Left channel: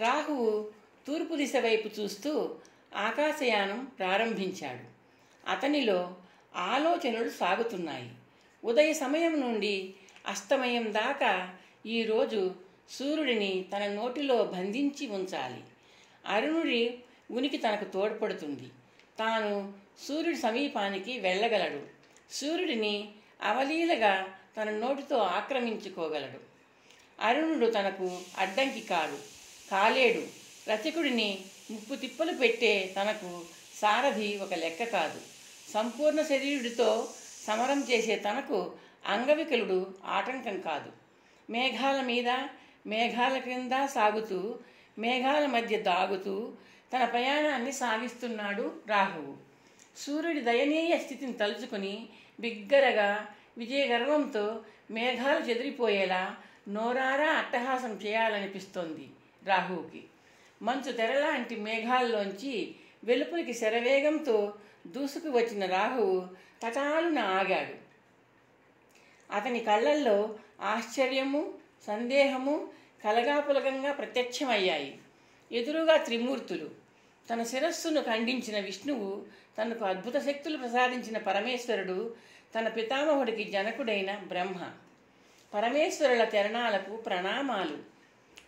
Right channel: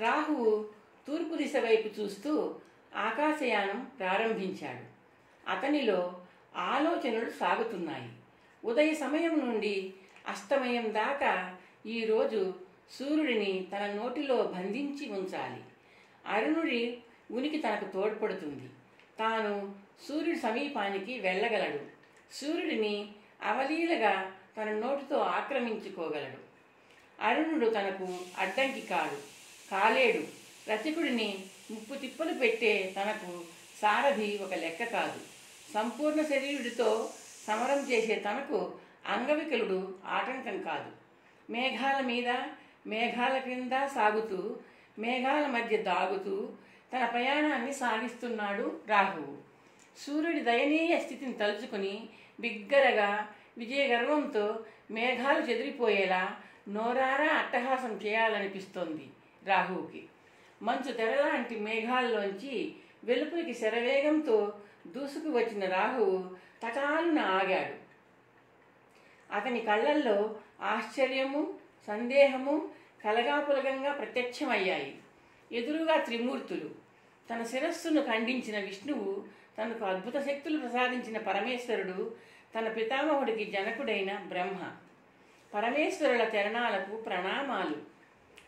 రాహువు తూర్పు దిశ వైపు చూస్తూ ఆకాశయానం ప్రారంభించాడు. అతనిలో ఆలోచనలు సాగుతున్నాయి. ఉదయ సమయం నుండి అస్తమయం దాకా ఈరోజు సూర్యుడిని తన నోటిలో బంధించి ఉంచాలి. అరుణుడి ఉనికి తనకు తోడ్పడుతుంది. తాను సూర్యుడి సమీపానికి వెళ్ళగలడు. సూర్యుడిని అవలీలగా తన నోటితో ఆక్రమించుకోగలడు. అరుణుడు తనకు అడ్డంకి కాలేడు. రచకుడిని ముప్పు తిప్పలు పెట్టే తనకు సారథి ఒక లెక్క కాదు. సంపూర్ణ శరీరుడితో సమరం చేసే తనకు అంగవికలుడు ఆటంకం కాదు. మేఘాల మీద మేఘాల క్రింద సాగుతూ మేఘాల మధ్య దాగుతూ తన ప్రయాణాన్ని సాగిస్తున్నాడు రాహువు. సూర్యుడి దయనీయ స్థితిని తలుచుకుని బిగ్గరగా విజయగర్వంతో మేఘాలు చెదిరిపోయేలా నోరారా అట్టహాసం చేయాలనిపిస్తోంది రాహువుకి. మంచు తెరలాంటి మేఘాల్లోంచి వెలుపునికి శరవేగంతో దూసుకు వచ్చిన రాహువు తటాలున ఆగాడు. అతని కళ్ళల్లో ఆశ్చర్యము, సందేహము కలగాపులగంగా ప్రత్యక్షమయ్యాయి. ఎదురుగా త్రిమూర్తులు, తన శిరస్సును ఖండించిన విష్ణువు, తనకు అద్భుత శక్తులు ప్రసాదించిన పరమేశ్వరుడు, తన పితామహుడికి జనకుడైన బ్రహ్మ. పరమేశ్వరుల చరణాలకు ప్రణామాలు.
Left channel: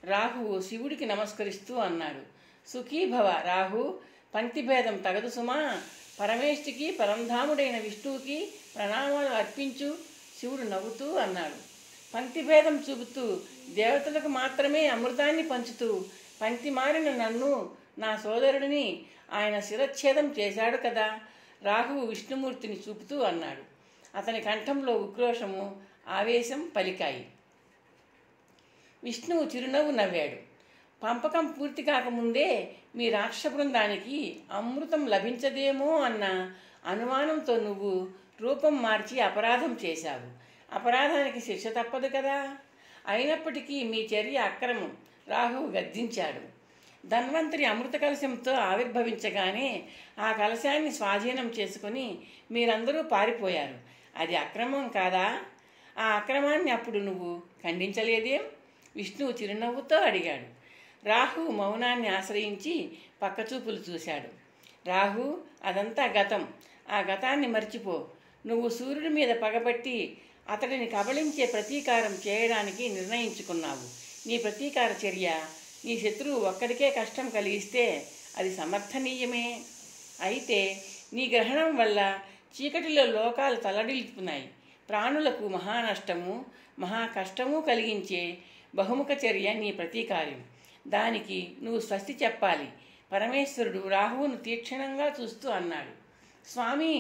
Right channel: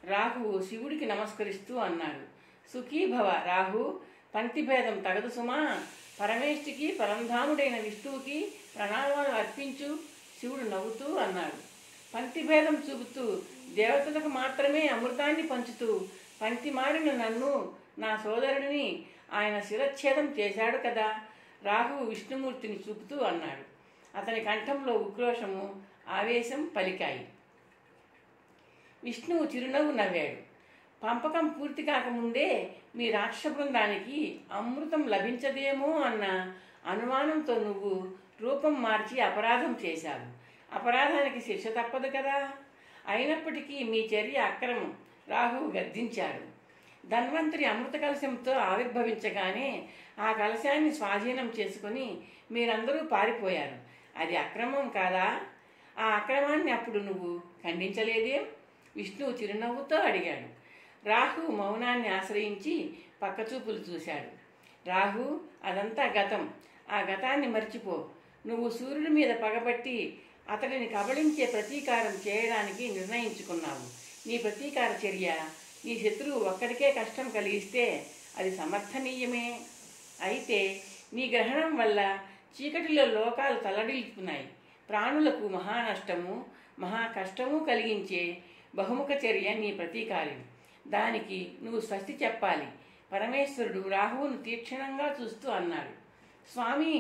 రాహువు శివుడికి నమస్కరిస్తూ అన్నాడు, సుఖీభవ రాహు, పంక్తిభేదం తగదు సుమా. పరమేష్ఠికి పరంధాముడైన విష్ణువుకి ప్రణామాలు అర్పించు. శివుడు నవ్వుతూ అన్నాడు. పంక్తిభేదం చూపుతూ దేవతలకు మాత్రమే అమృతాన్ని పంచుతూ పంక్తి మారిన నన్ను, నా సోదరుడిని ఆయన శిరచ్ఛేదం చేశాడు కదా. రాహువు విష్ణుమూర్తిని చూపుతూ అన్నాడు. అతని కంఠంలో ఉక్రోషము, ఆవేశం పలికాయి. విష్ణువు చిరునవ్వు నవ్వాడు. పంపకం పూర్తి కాకముందే మీ రాక్షస బృందానికి అమృతం లభించదేమో అన్న అనుమానంతో నువ్వు రూపం మార్చి అపరాధం చేశావు. అపరాధానికి శిక్ష తప్పదు కదా. అయినప్పటికీ మీ చర్య అక్రమం. రాహువు గద్దించాడు. ధన్వంతరి అమృత కలశంతో ఆవిర్భవించగానే ఆ కలశాన్ని స్వాధీనం చేసుకుని మీరందరూ పారిపోయారు. అది అక్రమం కాదా? ఆ అక్రమాన్ని అప్పుడు నువ్వు ఖండించలేదేం? విష్ణువు చిరునవ్వుతో అడిగాడు. రాహు మౌనాన్ని ఆశ్రయించి పక్కచూపులు చూశాడు. రాహు, అదంతా గతం. ఆ గతాన్ని మర్చిపో. నువ్వు సూర్యుడి మీద పగబట్టి అతడిని కబళించే ప్రతీకారం చేయడానికి నిర్ణయించుకున్నావు. నీ ప్రతీకార చర్య నీ శత్రువు ఒక్కడికే కష్టం కలిగిస్తే అది సమర్థనీయమే. అయితే నీ గ్రహణం వల్ల చీకటిలో లోకాలు తల్లడిల్లుతున్నాయి. ప్రాణులకు మహానష్టము, మహా కష్టము కలిగించే బహుముఖ చర్య నీ ప్రతీకారం. దానికి నువ్వు స్వస్తి చెప్పాలి. పరమేశ్వరుడు రాహువును తీక్షణంగా చూస్తూ అన్నాడు. స్వామి,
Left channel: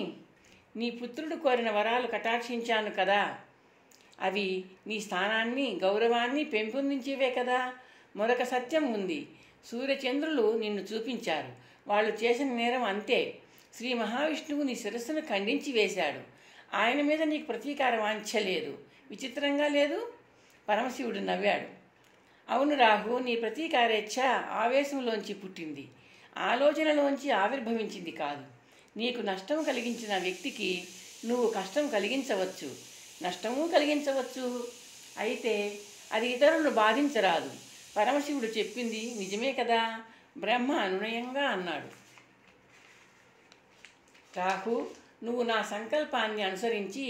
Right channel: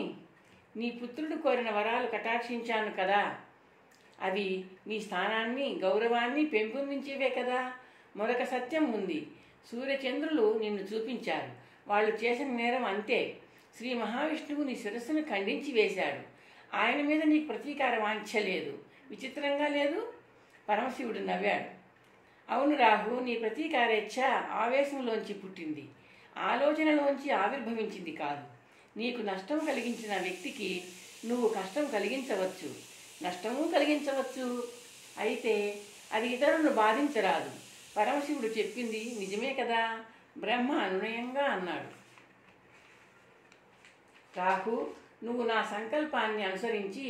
నీ పుత్రుడు కోరిన వరాలు కటాక్షించాను కదా. అవి నీ స్థానాన్ని, గౌరవాన్ని పెంపొందించేవే కదా. మరొక సత్యం ఉంది. సూర్యచంద్రులు నిన్ను చూపించారు. వాళ్ళు చేసిన నేరం అంతే. శ్రీ మహావిష్ణువు నీ శిరస్సును ఖండించి వేశాడు. ఆయన మీద నీకు ప్రతీకారం వాంఛలేదు. విచిత్రంగా లేదు? పరమశివుడు నవ్వాడు. అవును రాహు, నీ ప్రతీకారేచ్ఛ ఆవేశంలోంచి పుట్టింది, ఆలోచనలోంచి ఆవిర్భవించింది కాదు. నీకు నష్టం కలిగించిన వ్యక్తికి నువ్వు కష్టం కలిగించవచ్చు, నష్టము కలిగించవచ్చు. అయితే అది ఇతరులను బాధించరాదు. పరమశివుడు చెప్పింది నిజమే కదా. బ్రహ్మ అనునయంగా అన్నాడు. రాహు, నువ్వు నా సంకల్పాన్ని అనుసరించి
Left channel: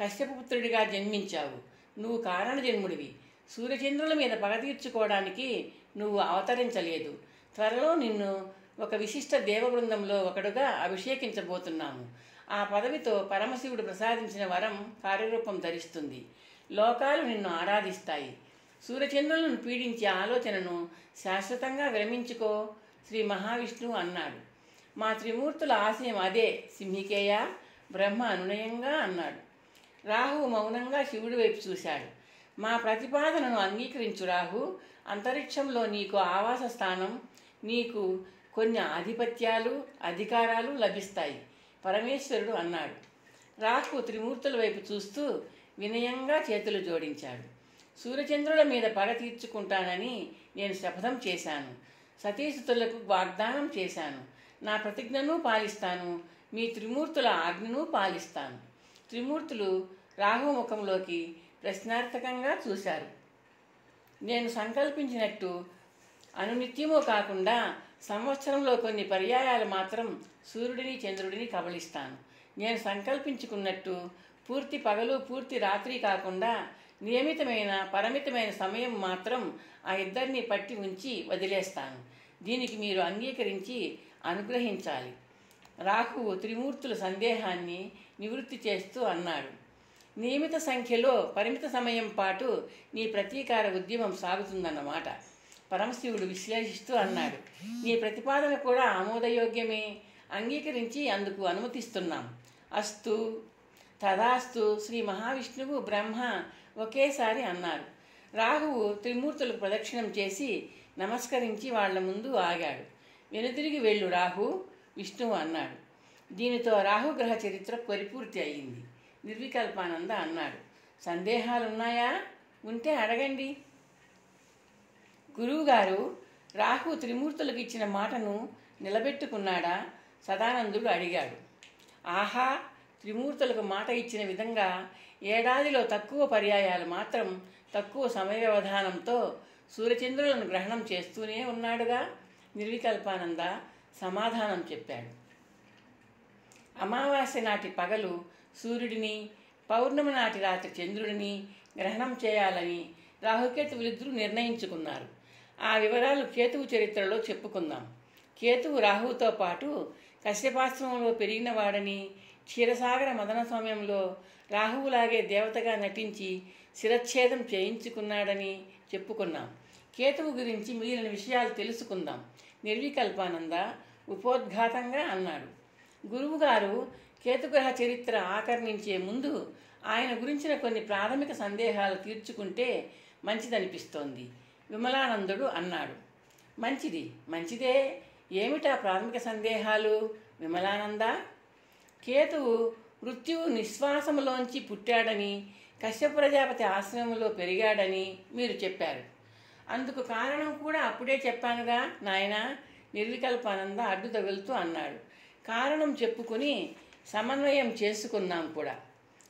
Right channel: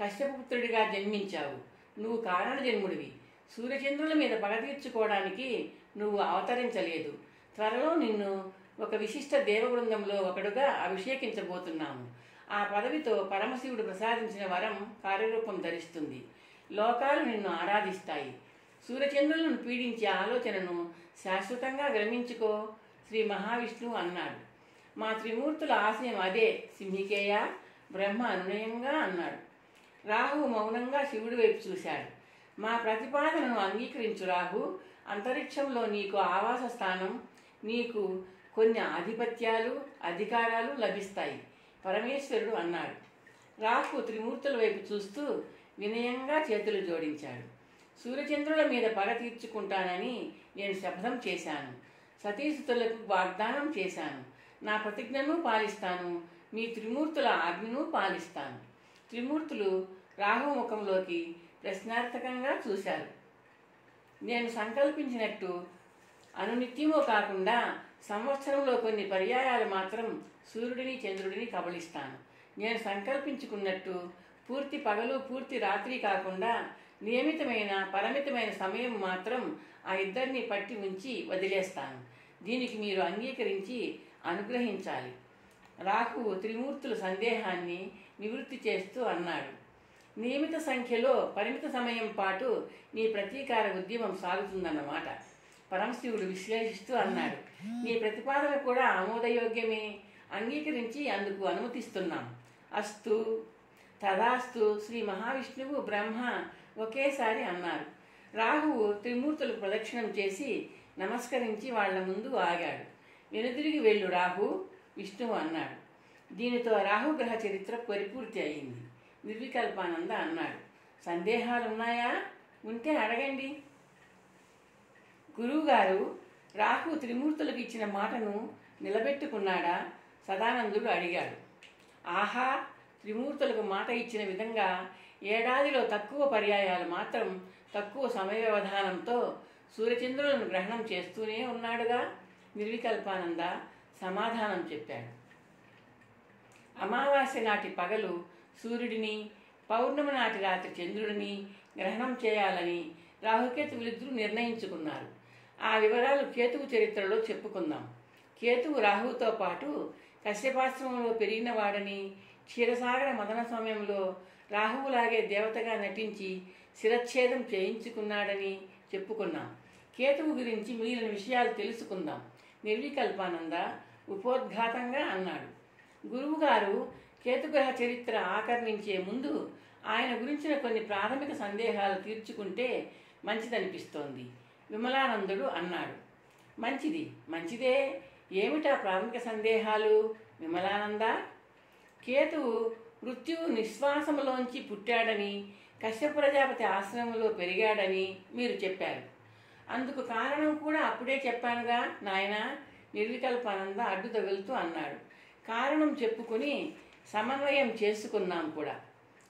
కశ్యపపుత్రుడిగా జన్మించావు. నువ్వు కారణ జన్ముడివి. సూర్యచంద్రుల మీద పగ తీర్చుకోవడానికి నువ్వు అవతరించలేదు. త్వరలో నిన్ను ఒక విశిష్ట దేవబృందంలో ఒకడుగా అభిషేకించబోతున్నాము. ఆ పదవితో పరమశివుడు ప్రసాదించిన వరం కార్యరూపం ధరిస్తుంది. లోకాలు నిన్ను ఆరాధిస్తాయి. సూర్యచంద్రులను పీడించే ఆలోచనను శాశ్వతంగా విరమించుకో. శ్రీ మహావిష్ణువు అన్నాడు. మా త్రిమూర్తుల ఆశయం అదే సింహికేయ. బ్రహ్మ అనునయంగా అన్నాడు. రాహు మౌనంగా శివుడి వైపు చూశాడు. మా ప్రతిపాదనను అంగీకరించు రాహు. అంతరిక్షంలో నీకు ఆవాస స్థానం, నీకు కొన్ని ఆధిపత్యాలు, అధికారాలు లభిస్తాయి. పరమేశ్వరుడు అన్నాడు. రాహు త్రిమూర్తుల వైపు చూస్తూ వినయంగా చేతులు జోడించాడు. సూర్యచంద్రుల మీద పగ తీర్చుకుంటానని నేను శపథం చేశాను. సతీసుతులకు వాగ్దానం చేశాను. నా ప్రతిజ్ఞను పాలిస్తాను. మీ త్రిమూర్తుల ఆజ్ఞను పాలిస్తాను. త్రిమూర్తులు రాహు ముఖంలోకి ప్రశ్నార్థకంగా చూశారు. నేను సంకల్పించినట్టు అనునిత్యము కాకుండా సంవత్సరంలో కొన్ని పర్యాయాలు మాత్రం సూర్యుడిని చంద్రుడిని కబళిస్తాను. నేను సంకల్పించుకున్నట్టు పూర్తి పగలు పూర్తి రాత్రి కాకుండా నియమితమైన పరిమితమైన సమయం మాత్రం ఆ ఇద్దరిని పట్టి ఉంచి వదిలేస్తాను. దీనికి మీరు అంగీకరించి అనుగ్రహించాలి. రాహువు త్రిమూర్తుల సందేహాన్ని నివృత్తి చేస్తూ అన్నాడు. నియమిత సంఖ్యలో పరిమిత సమయం పాటు నీ ప్రతీకార ఉద్యమం సాగుతుందన్నమాట. పరమశివుడు విశ్లేషిస్తూ అన్నాడు. నీ ప్రతిపాదన కూడా ఆమోదయోగ్యమే. అంగీకరించి అందుకు అనుమతిస్తున్నాం. అస్తు తదాస్తు. శ్రీ మహావిష్ణువు బ్రహ్మ ఒకేసారి అన్నారు. రాహువు త్రిమూర్తులకు ప్రదక్షిణం చేసి నమస్కరించి వాళ్ల ముందు ఆగాడు. వెనుతిరిగి వెళ్ళు రాహు, విష్ణువు అన్నాడు. దీనితో రాహుగ్రహ చరిత్ర పరిపూర్తి అయింది. నిర్వికల్పానంద అన్నాడు. సందేహాలున్నాయా? ఉంటే అడగండి. గురువుగారు, రాహు త్రిమూర్తులకు ఇచ్చిన మాటను నిలబెట్టుకున్నాడా? సదానందుడు అడిగాడు. ఆహా, త్రిమూర్తులకు మాట ఇచ్చిన విధంగా ఏడాదిలో తక్కువ పర్యాయాలు మాత్రం తక్కువ సమయ వ్యవధానంతో సూర్యచంద్రులను గ్రహణం చేస్తూనే ఉన్నాడుగా. నిర్వికల్పానంద సమాధానం చెప్పాడు. అమావాస్య నాటి పగలు సూర్యుడిని, పౌర్ణమి నాటి రాత్రి చంద్రుడిని గ్రహణం చేయాలని రాహుకేతువులిద్దరూ నిర్ణయించుకున్నారు. ఆ వివరాలు కేతువు చరిత్రలో చెప్పుకుందాం. కేతువు రాహువుతో పాటు కశ్యపాశ్రమంలో పెరిగినవాడని, క్షీరసాగర మదన సమయంలో రాహువులాగే దేవతగా నటించి శిరచ్ఛేదం చేయించుకున్నాడని చెప్పుకున్నాం. కేతువు గురించి మిగిలిన విషయాలు తెలుసుకుందాం. నిర్వికల్పానంద ఉపోద్ఘాతంగా అన్నాడు. గురువుగారు, కేతుగ్రహ చరిత్ర ఆకర్ణించే ముందు ఆయన గురించిన కొన్ని ప్రాథమిక సందేహాలు తీర్చుకుంటే మంచిదనిపిస్తోంది. విమలానందుడు అన్నాడు. మంచిది, మంచిదే. ఏమిటా ప్రాథమిక సందేహాలు విమలానంద? కేతువు మృత్యువు నిశ్వాసములోంచి పుట్టాడని, కశ్యప ప్రజాపతి ఆశ్రమంలో పెరిగాడని మీరు చెప్పారు. అందుకు కారణం కూడా అప్పుడే చెప్పానుగా నాయనా. నిర్వికల్పానంద అడ్డు తగులుతూ అన్నాడు. కారణం చెప్పుకుని సమన్వయం చేసుకున్నాం కూడా.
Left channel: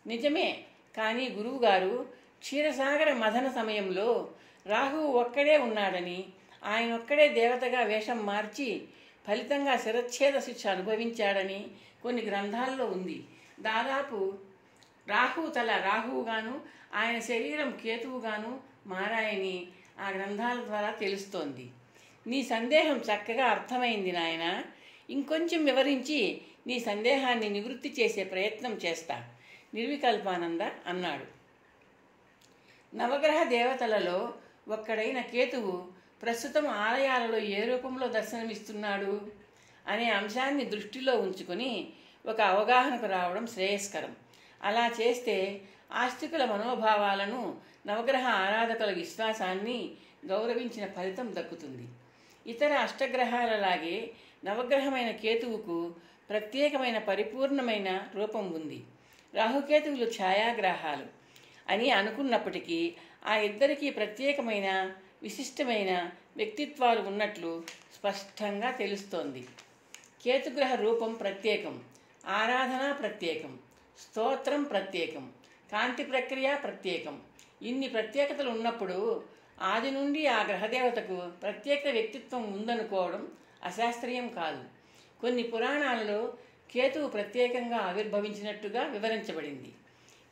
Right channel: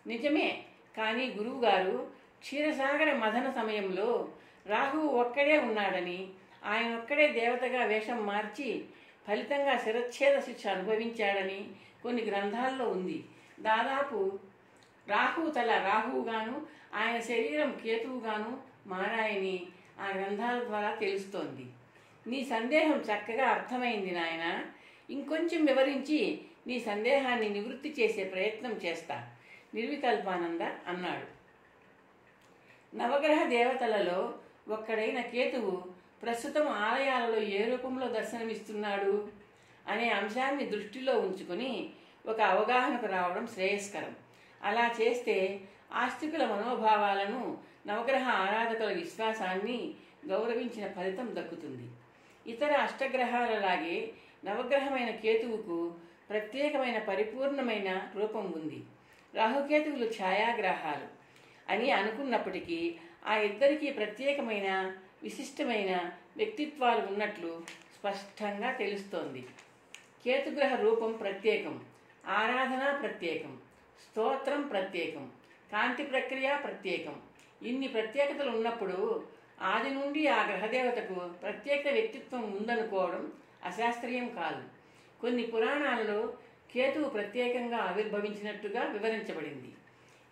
నిజమే. కానీ గురువుగారు, క్షీరసాగర మథన సమయంలో రాహువు ఒక్కడే ఉన్నాడని, ఆయన ఒక్కడే దేవతగా వేషం మార్చి ఫలితంగా శిరచ్ఛేద శిక్ష అనుభవించాడని కొన్ని గ్రంథాల్లో ఉంది. దాదాపు రాహువు తల రాహువుగాను, ఆయన శరీరం కేతువుగాను మారాయని ఆ గ్రంథాల ద్వారా తెలుస్తోంది. నీ సందేహం చక్కగా అర్థమైంది నాయన. ఇంకొంచెం వివరించి నీ సందేహాన్ని నివృత్తి చేసే ప్రయత్నం చేస్తా. నిర్వికల్పానంద అన్నాడు. నవగ్రహ దేవతలలో ఒక్కడైన కేతువు ప్రస్తుతం ఆలయాలలో ఏ రూపంలో దర్శనమిస్తున్నాడు అనే అంశాన్ని దృష్టిలో ఉంచుకొని ఒక అవగాహనకు రావడం శ్రేయస్కరం. అలా చేస్తే ఆస్తికుల మనోభావాలను, నవగ్రహ ఆరాధకుల విశ్వాసాన్ని గౌరవించిన ఫలితం దక్కుతుంది. ఇతర అష్టగ్రహాలలాగే నవగ్రహమైన కేతువుకు ప్రత్యేకమైన పరిపూర్ణమైన రూపం ఉంది. రాహుకేతువులు ఛాయాగ్రహాలు అని అనుకున్నప్పటికీ ఆ ఇద్దరికీ ప్రత్యేకమైన విశిష్టమైన వ్యక్తిత్వాలు ఉన్నట్లు స్పష్టంగా తెలుస్తోంది. కేతుగ్రహ రూపం ప్రత్యేకం, ఆరాధన ప్రత్యేకం, స్తోత్రం ప్రత్యేకం, కాంతి ప్రక్రియ ప్రత్యేకం. ఇన్ని ప్రత్యేకతలు ఉన్నప్పుడు ఆది నుండి ఆ గ్రహదేవతకు ప్రత్యేక వ్యక్తిత్వం ఉందనుకోవడం అశాస్త్రీయం కాదు. కొన్ని పురాణాలలో కేతువు ప్రత్యేకంగా ఆవిర్భవించినట్టుగా వివరించబడింది.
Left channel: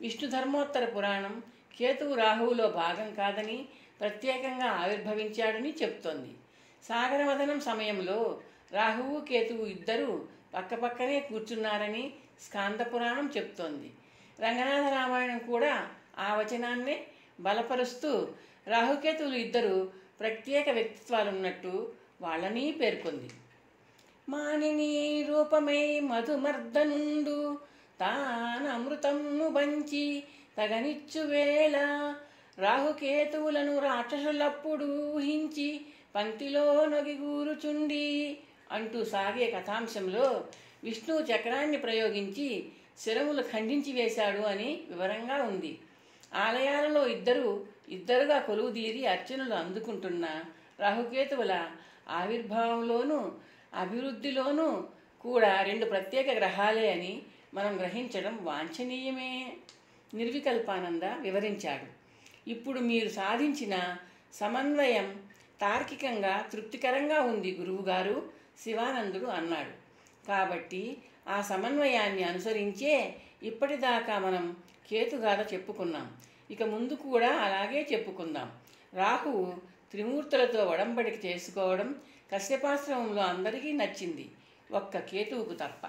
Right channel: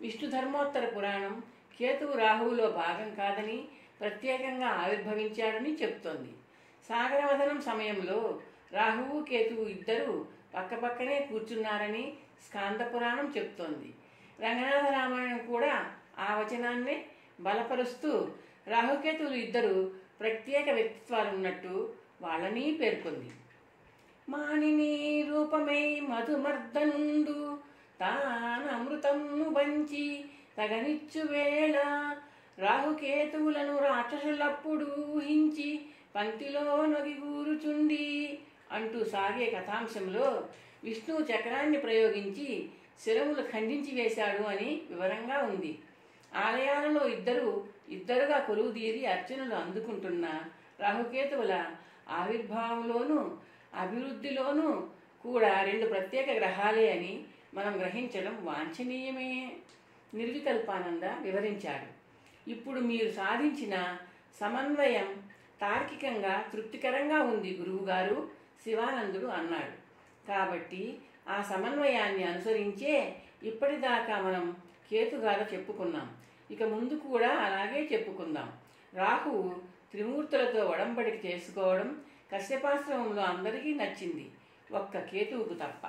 విష్ణు ధర్మోత్తర పురాణం కేతువు రాహువులో భాగం కాదని, ప్రత్యేకంగా ఆవిర్భవించాడని చెప్తోంది. సాగరవదనం సమయంలో రాహువు కేతువు ఇద్దరూ పక్కపక్కనే కూర్చున్నారని స్కాంద పురాణం చెప్తోంది. రంగనాథ రామాయణం కూడా ఆ వచనాన్నే బలపరుస్తూ రాహుకేతువులు ఇద్దరు ప్రత్యేక వ్యక్తిత్వాలున్నట్టు వాళ్ళని పేర్కొంది. మానిని రూపమై మధుమర్దనుండు తానమృతము బంచి తగనిచ్చు వేళ రాహుకేతువులను రాక్షసులప్పుడు ఊహించి పంక్తిలో నొగిగూరుచుండి అంటూ సాగే కథాంశంలో విష్ణువు చక్రాన్ని ప్రయోగించి శిరములు ఖండించి వేశాడు అని వివరంగా ఉంది. ఆలయాలలో ఇద్దరుగా కొలువుదీరి అర్చనలు అందుకుంటున్న రాహుకేతువుల ఆవిర్భావంలోనూ అభివృద్ధిలోనూ కూడా రెండు ప్రత్యేక గ్రహాలే అని మనం గ్రహించడం వాంఛనీయమే. నిర్వికల్పానంద వివరించాడు. ఇప్పుడు మీరు సాధించిన సమన్వయం తార్కికంగా తృప్తికరంగా ఉంది గురువుగారు, శివానందుడు అన్నాడు. కాబట్టి ఆ సమన్వయాన్ని అనుసరించే ఇప్పటిదాకా మనం కేతుగాథ చెప్పుకున్నాం. ఇక ముందు కూడా అలాగే చెప్పుకుందాం. రాహువు త్రిమూర్తులతో ఒడంబడిక చేసుకోవడం కశ్యపాశ్రమంలో అందరికీ నచ్చింది, ఒక్క కేతువుకు తప్ప.